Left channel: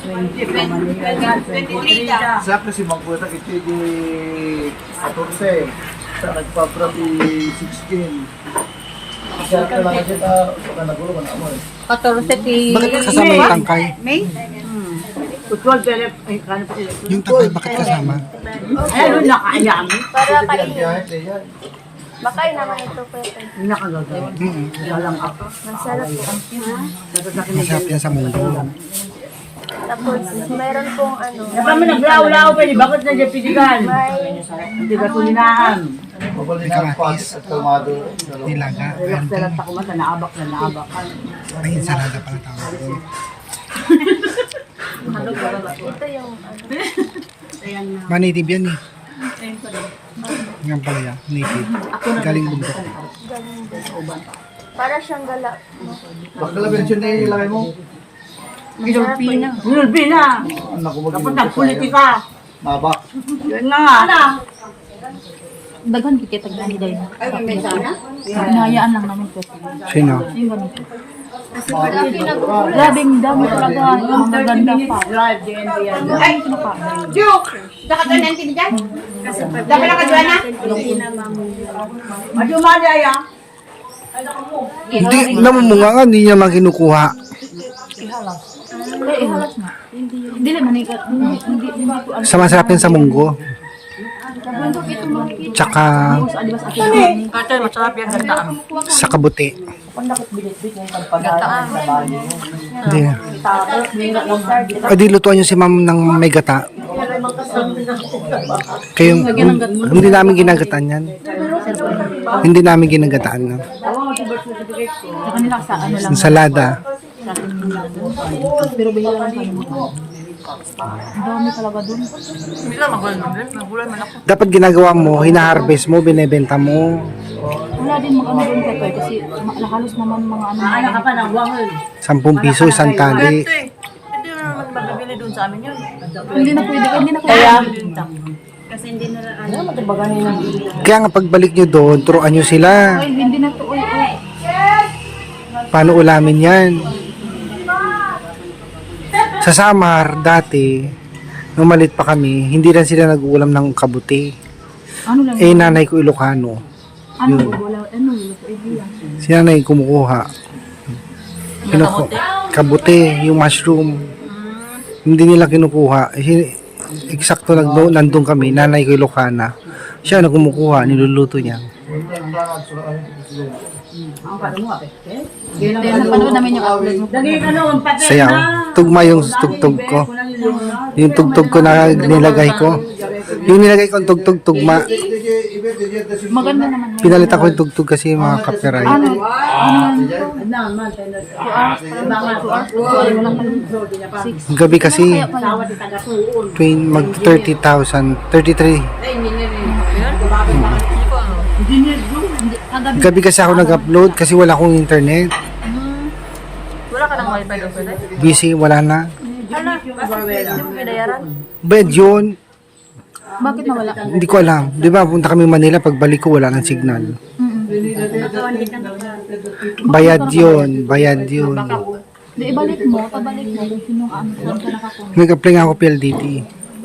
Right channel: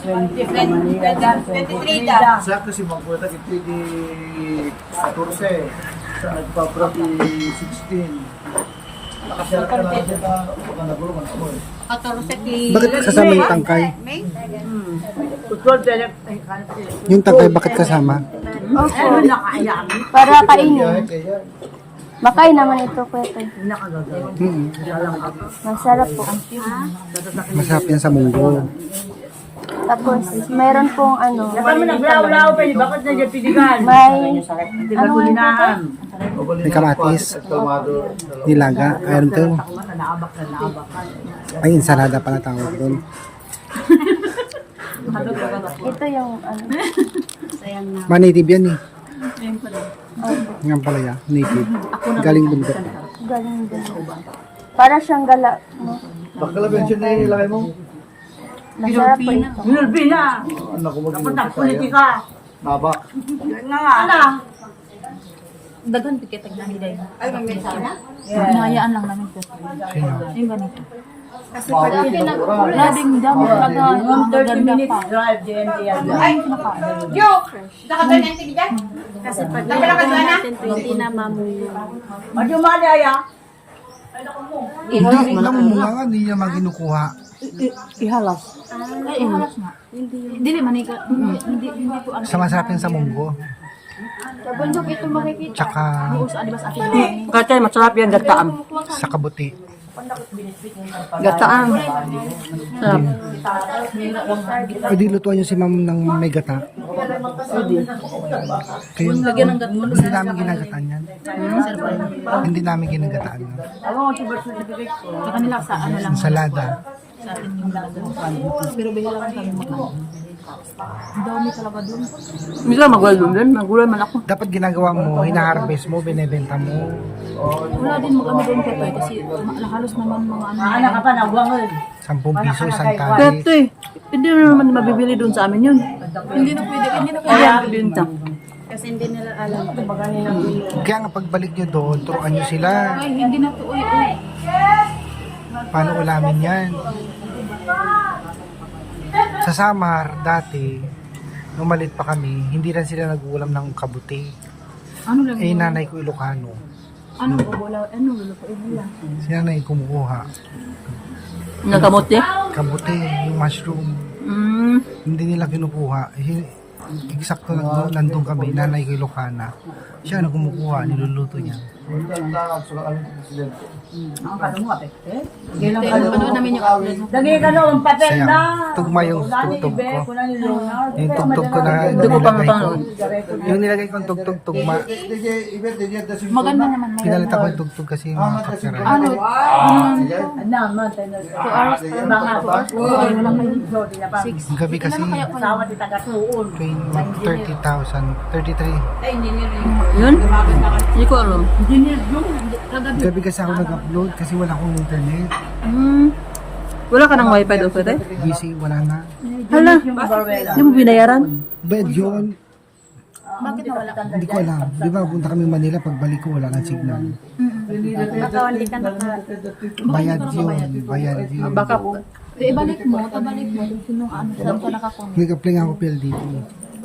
23 daw. Sakto si Mangkuta kitigi 14. Sa nagpa-propi 16. Nakasya ka na kasi baka nagulo ka na mo eh. 14 Bakit kasama yung tangkay? May? Yung tangkay bakit kasama? Para kainin. Kahit yan. Makain naman ito, pwede. Masarap po. Ha? Masarap yan sa munggo. Tapos, meron pong ano. Kami naglaw-law pa, bakit nandiyan May, Babalik May kamatis. at kalmado. Nilaga. Ayun to. Ay, ensalada pala tawag doon. ito yung ano. Manitib yan eh. Ngayon pala yan. Native. Galing bundok. Galing din. Para siyang gala. Bakla mention niya ilagay mo. Masarap po ito. Nulbi na! Anak ko Punta mag-inom. politika! Nabak. Yan na nga! Ano? Daghan kita taglan din. Ay, may sana? Hinahayaan lang namin po. Sino? Yung ganito. Malaki na po. Labing dami talaga. Mga ganda pa. Drive, DND yan. Ay, joke! Baka doon ang tinidad? Dapat lang ka doon na? Madumali aya! Hindi, namumunga nga. Hindi niya naman kinukuha. Ihalas. Kaya ihalas nga. Dili manika. Hindi po ano. Sa masarap yan sa munggo. Sa bundok ito makikita. Tsaka Sa adibas ate ni. Kata masarap yan gataan. sa kabuti. Gataan. Hindi. O di lutuan niyo si ma'am ng may gata. Kayong, hindi namin ginagataan yan. Hindi namin ginagataan na. Sa kanila sa ano lang. Ensalada. Sa atin yung pero bihila lang kami makain. Ang dami talaga dun. Mila magulong din, magulang man ako. Dapat ginagawa mo, hina-harvest mo, binebenta mo. Wala din mag-ano doon ka kasi halos naman mga ano. Anak ka pa nagwangon. 10 piso, isang tali. Ito eh. Hindi mo naman mabibili doon sa amin yun. Hindi na pwede. Hindi na kaya. Kaya din ta. Kasi hindi na alam. Baga nila. Kaya nga pagbalik nyo doon, turuan nyo sila. Ay, hindi na to. Uy. Paano ulamin yan? Sa Samar, dati, nung malit pa kami, hindi lang sila nag-uulam ng kabuti. Ano lang? Eh, nanay ko Ilocano. Ano bubulaw? Ano luluto? Lang. Si nanay kumukuha. Yung kamote? Kabuti, yung mushroom. Hindi nila kinukuha. Eksakto nandun kami, nanay ko Ilocana. Siya na kumukuha, niluluto niya. Ang kano mo ape? Napanood namin yung upload mo. Dagi ka noon, patay Sayaw. na! Tugma yung tugtog ko. Yung tugtog ko na nilagay ko. Yung nilagay ko ang tugtog-tugma. Maganda naman. Pinalitan ko yung tugtog kasi yung mga copyright. Ano? Naman, tayo na. 2 hours? Parang 2 hours? Wala pa yung 6. Gabi kasi, Tawa ti taga-tuon. mag 30,000, 33. Yun? Hindi ko ano. Engineer yung. Kagabi. Gabi kasi ako nag-upload kasi wala akong internet. Wala ka ng wifi doon pwede? Busy, wala na. Hala, hindi mo binayaran? Bed yun, Bakit nawala? hindi ko alam. Di ba, punta kami Manila, pagbalik ko wala ng signal. Bayad yun, bayad yun. Di, ibalik mo. Pabalik mo. Sinong ano, saan ka nakakuha? Nag-apply nga ako PLDT.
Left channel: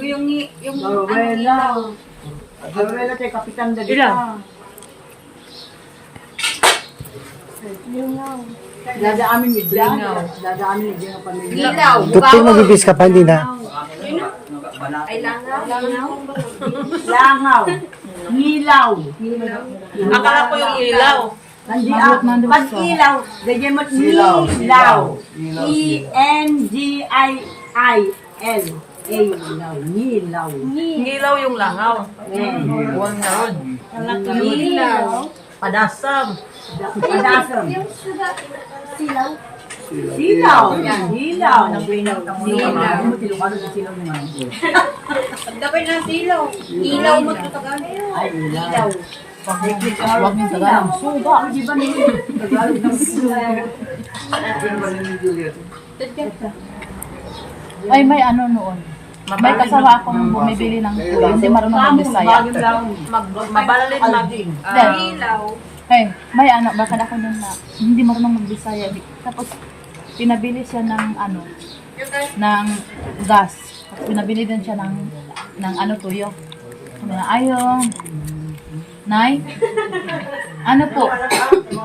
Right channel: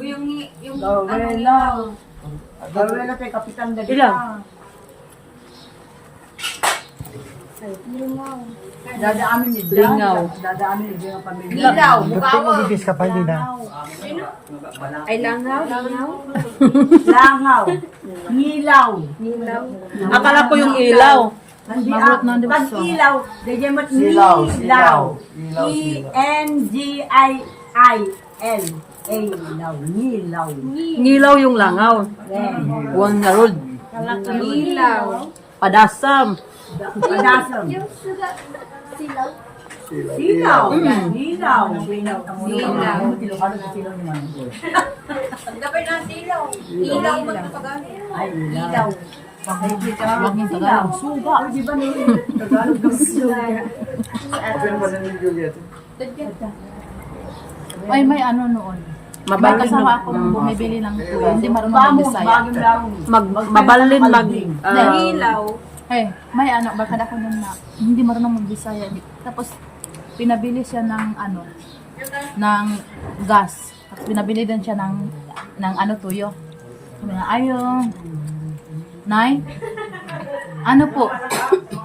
Yung Dawela. Dawela tayo kapitan na dito. Lingaw. Dadaamin ni Jan. Dadaamin ni Jan ang pamilya. ilaw, Doktor, magbibis ka pa, hindi na. ay langaw. Langaw. Ngilaw. Akala ko yung ilaw. Magot na doon. Pag ilaw, ganyan mo Silaw. nilaw. Nilaw. E-N-G-I-I-L. Nilaw. Nilaw. Nilaw yung langaw. Buwan na rod. Nilaw. Padasam. Padasam. Yung suga, silaw. Silaw. Silaw. Silaw. Tilukado sa silaw naman. Pagdapay ng silaw. Ilaw magtatagal. Ay, ilaw. Huwag yung Tagalog. Suga. Di ba nila? Tagalog ng silaw. Ay, may ano noon. May kasama akong bumibili ng tuyo. Hindi marunong mag-Bisaya. Mabalalin mag. Ilaw. Hey, may ano, baka ako nun na hindi marunong mag-Bisaya. Tapos, pinabili siya ng ano, ng gas. At pinabili din siya ng ano tuyo. Sabi na, ayong, Nay, ano po,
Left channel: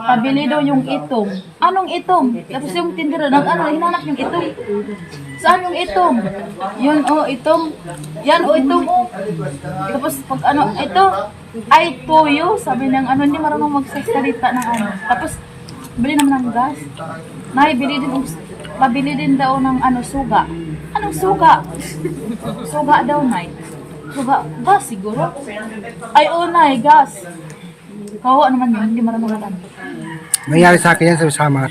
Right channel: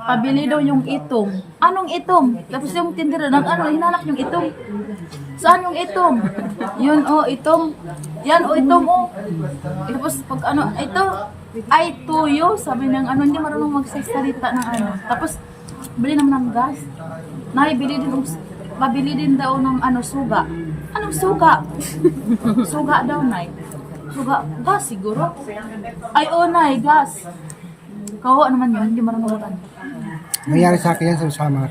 pabili daw yung itong. Anong itong? Tapos yung tindera, hinanap yung itong. Saan yung itong? Yun, itong. Yan, itong, Tapos pag ito, ay tuyo. Sabi niya, hindi marunong magsasalita ng ano. Tapos, bili naman ng gas. Nay, pabili din daw ng suga. Anong suga? Suga daw, Nay. Suga, gas siguro. Ay, Nay, gas. Kawa naman yun, hindi marunong mag-ano. Nangyari sa akin yan sa summer.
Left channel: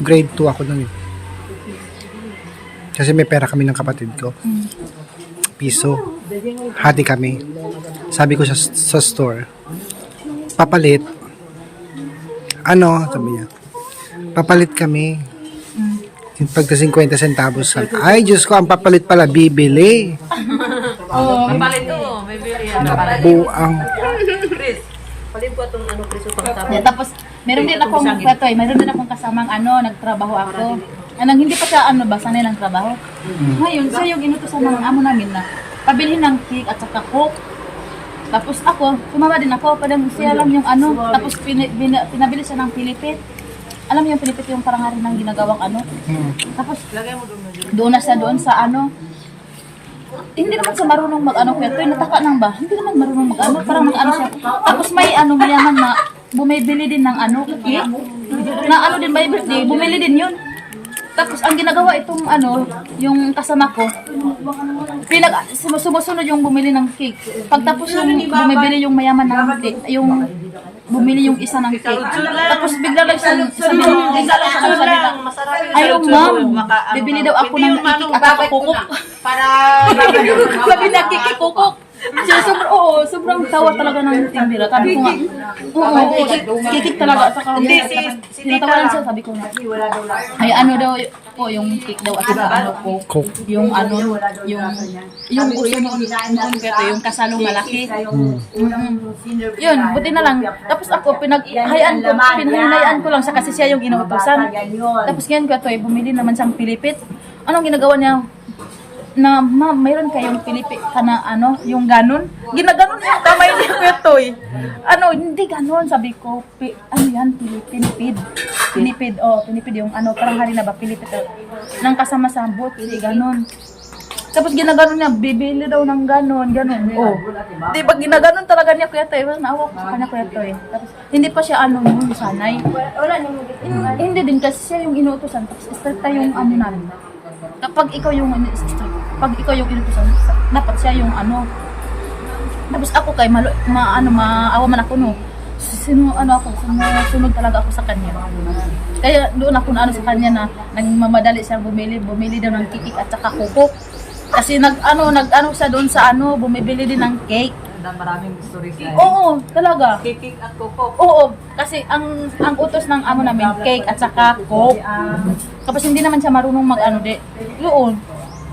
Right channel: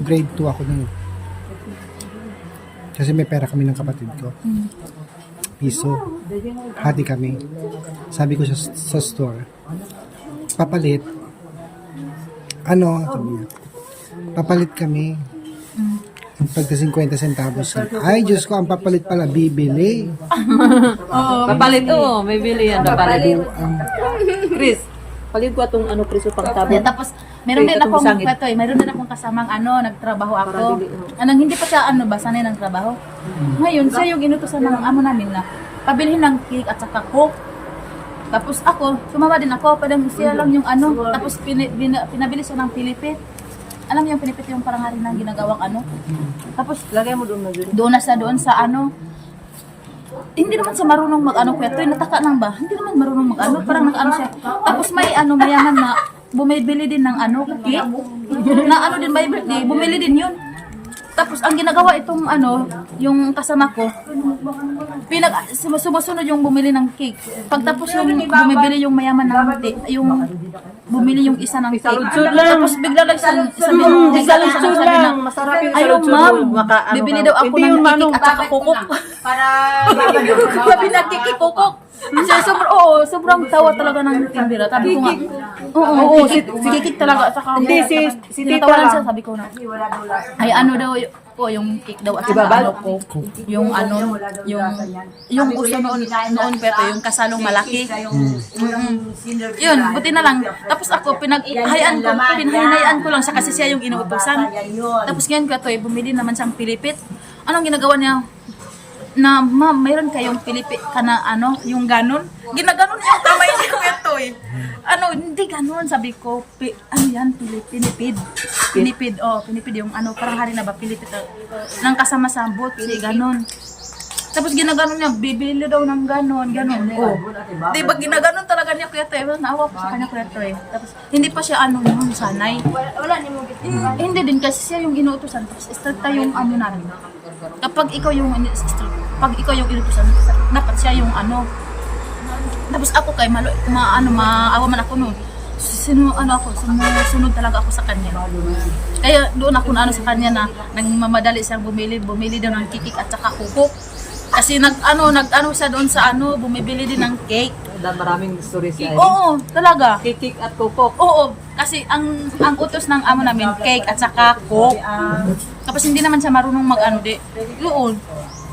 Grade 2 ako nun eh. Kasi may pera kami ng kapatid ko. Piso. Hati kami. Sabi ko sa store, papalit. Sabi niya, papalit kami. Pagka 50 centavos. Ay, Diyos ko, ang papalit pala, bibili. Kapalit to, may bili yan. Buang. Chris, palit ko itong Chris yung pagtapos. Yeah, tapos meron din akong kasamang nagtrabaho ako. Hindi pa siya sanay ng trabaho. Ngayon, siya yung inutusan ng amo namin na pabilihin ng cake at saka coke. Tapos ako, sumama din ako, parang siya lang yung tapos pinabili siya ng pilipit. Alam mo yung pilipit yung parang hari ng ginagawang Tapos doon na siya doon sa hindi naman siya marunong kaya to, nataka lang ba? Hindi naman marunong parang siya. Tapos may mayaman na bumibili din ng cake. Na din by birthday, bumili din yun. Tapos ang ginagawa itong yung kasama ko, sumusunod yung bumili ng cake. Pagtapos yung bumibili yung mayaman ng bumili yung isa ng cake. Tapos bigla lang siya sabi na, ayaw ma'am, bibili daw ako ng kikik at saka kukok. Sabi na kikik kukok. Sobrang tawa talaga ng tindera. Sabi ko nga, kikik talaga at saka tinatawanan siya. Sabi ko na, ay daw po yung cake daw at saka coke. Yung yung uso noon pero yung kasalong malaki. Yun, buti na lang. Tapos ako pinahayaan ko lang siya kasi siya yung inuutosan. Tapos ngayon ko bumili naman siyang pilipit. Anong ginagawa niya? Na, ma'am, mayroon kayong pilipit ka na yung ganon? Ginaganon yung kamay niya ko ito hindi ganon, sabi ko, yan, pinipid. Pinipid yung parang hari na ba, pilipit nang kasama sa botsi, ganon. Tapos ginaganon niya, bibili daw ng ganon. Diba, ginaganon talaga niya kuya to naawa ko sa kanya kuya to Tapos, hindi pa siya sanay. Wala niyo mo Hindi din, kasi siya yung inuutosan, tapos stricta yung namin. Kapag ikaw yung inutusan, dapat siya yung Tapos ako maawa man ako sumusunod talaga ako sa kanya. Kaya doon ako sa kanya na nagmamadali siyang bumili daw ng kikik at saka kukok. Kasi siya doon sa bumibili din ng cake. Maraming stories na Oo, talaga. Kikik at kukok. Oo, kasi ang utos ng amo namin, cake at saka coke. Tapos hindi naman siya marunong Doon.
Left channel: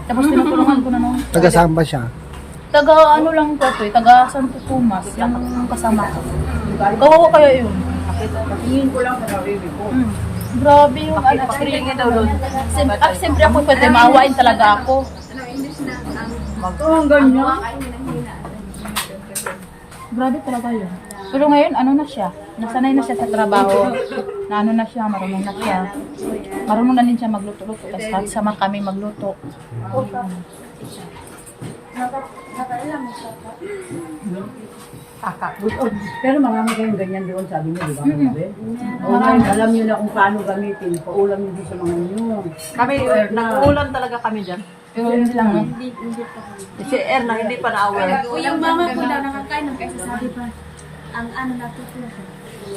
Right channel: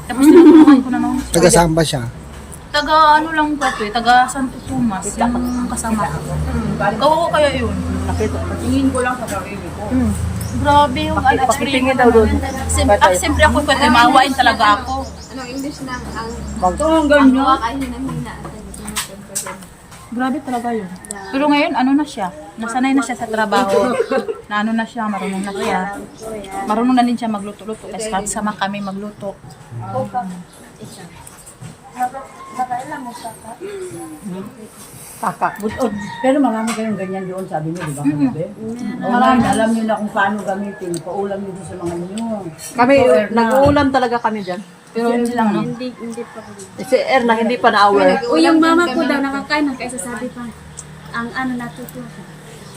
Tapos tinutulungan ko na Taga saan ba siya? Taga lang ko taga Santo Tomas, yung kasama ko. Kawawa kaya yun. Patingin ko lang sa sarili ko. Grabe yung experience daw doon. Siyempre ako maawain talaga ako. Ang ganyan. Grabe talaga yun. Pero ngayon, na siya? Nasanay na siya sa trabaho. Na siya, marunong na siya. Marunong na din siya magluto-luto. Kasi kahit sama kami magluto. Kakakbuton. Pero marami kayong ganyan doon, sabi niyo, di ba? Marami. Alam niyo na kung paano gamitin. Paulam niyo din sa mga inyo. Kami, nag-uulam talaga kami dyan. Pero hindi lang, no? Hindi pa kami. Si Erna, hindi pa na-aware. O yung mama ko daw nakakain kaya sasabi pa ang natutuwa.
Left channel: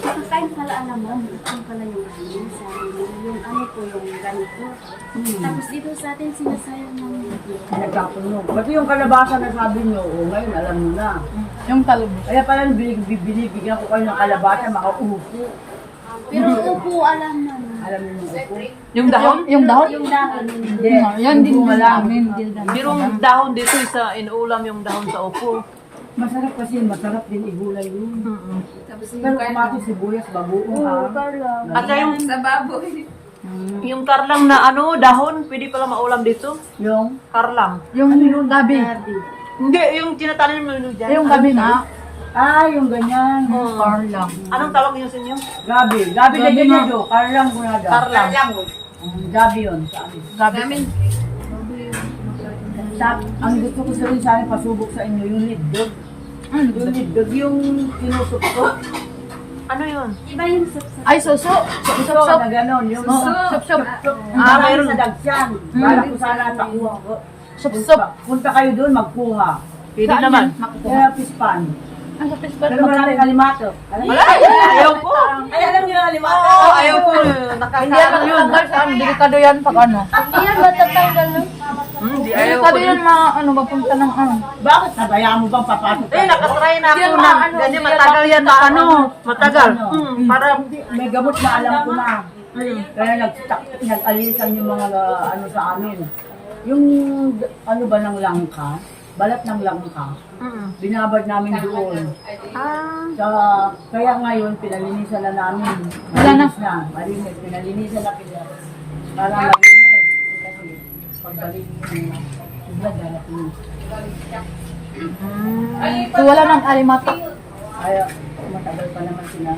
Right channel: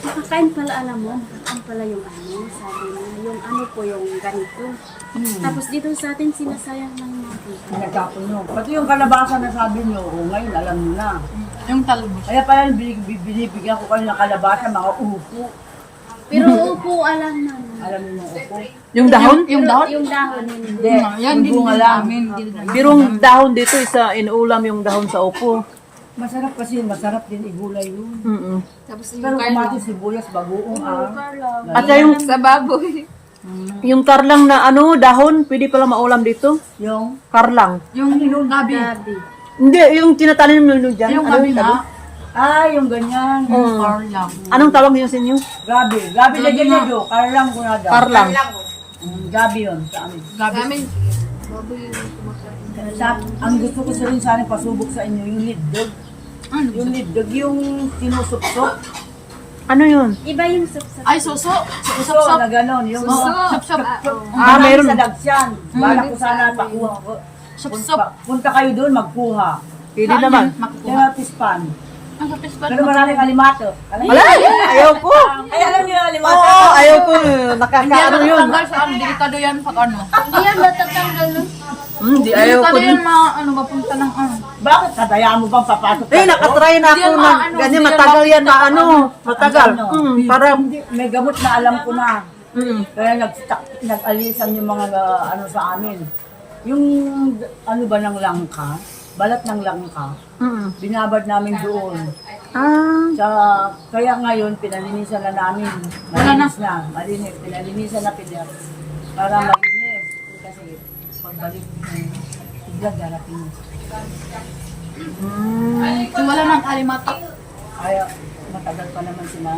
Nakakain pala, alam mo, nakakain pala yung sabi mo, yung po yung ganito. Tapos dito sa atin sinasayang ng Nagkapon nyo. Pati yung kalabasa na sabi nyo, ngayon alam nyo na. Yung talbos. Kaya pala binibigyan ko kayo ng kalabasa, mga upo. pero upo alam na. Alam niyo yung upo? Yung dahon? Yung dahon? Yung dahon yun. Hindi. Yan, Yung din bunga lang. namin. Pero yung dahon dito, inuulam yung dahon sa upo. Masarap kasi, masarap din igulay yun. Pero kumatis, sibuyas, bagoong Carla. At yung Sa baboy. Yung karlang na ano, dahon, pwede pala maulam dito. Yung, Karlang. Yung gabi. Hindi, yung tinatanim mo dyan. Yung gabi nga. yung ganyan. Car lang. Anong tawag niyo sa inyo? Gabi. Gabi na dyan yun, Jo. Karlang ko na daw. Karlang. Gabi yun sa amin. Gabi. Ang gusto ko sa rin sana pasubok sa inyo, yung lidog. Yung lidog, yung sinusupsop. Ano yun? Iba yung sapsap. Ay, suso. So, na gano'n, yung Sup-sup. marami meron. sa dagsyan. Balak ko sana pakuha ko. Sup-sup. Punta kayo doon, magkuha. Pwede naman. Kaya pispan. Ang kapis pa. Pero maraming alimato. Alam niyo? Ayaw ko. Ay, alam niyo yung alimato? Ayaw ko. Hindi yan Nakakaano yun. matatanggal sa delikado yan pag ano. Hindi yan matatanggal na. Hindi, ayaw ko. Delikado yan mapunta ng ano. Bakit? Kadaya mo bang papasok Eh, nakatry na Hindi ako yan na. maano, Ganyan, hindi yan matagal yan na makita ano. ano. Matagal. Ano? Para, Hindi, may gamot na alam ko na. Kaya nag-alisan yung mga ano sa amin. Yung ano ba ng langka, balat ng langka, binabad namin doon. Kaya ngayon, pinalinisan na namin. Malinis na. Malinis. Pinalinisan na pider. Para malinis. Kasi pagbalik bigla darating. So wala nang alimatok. Ay, matagal pa naman sila.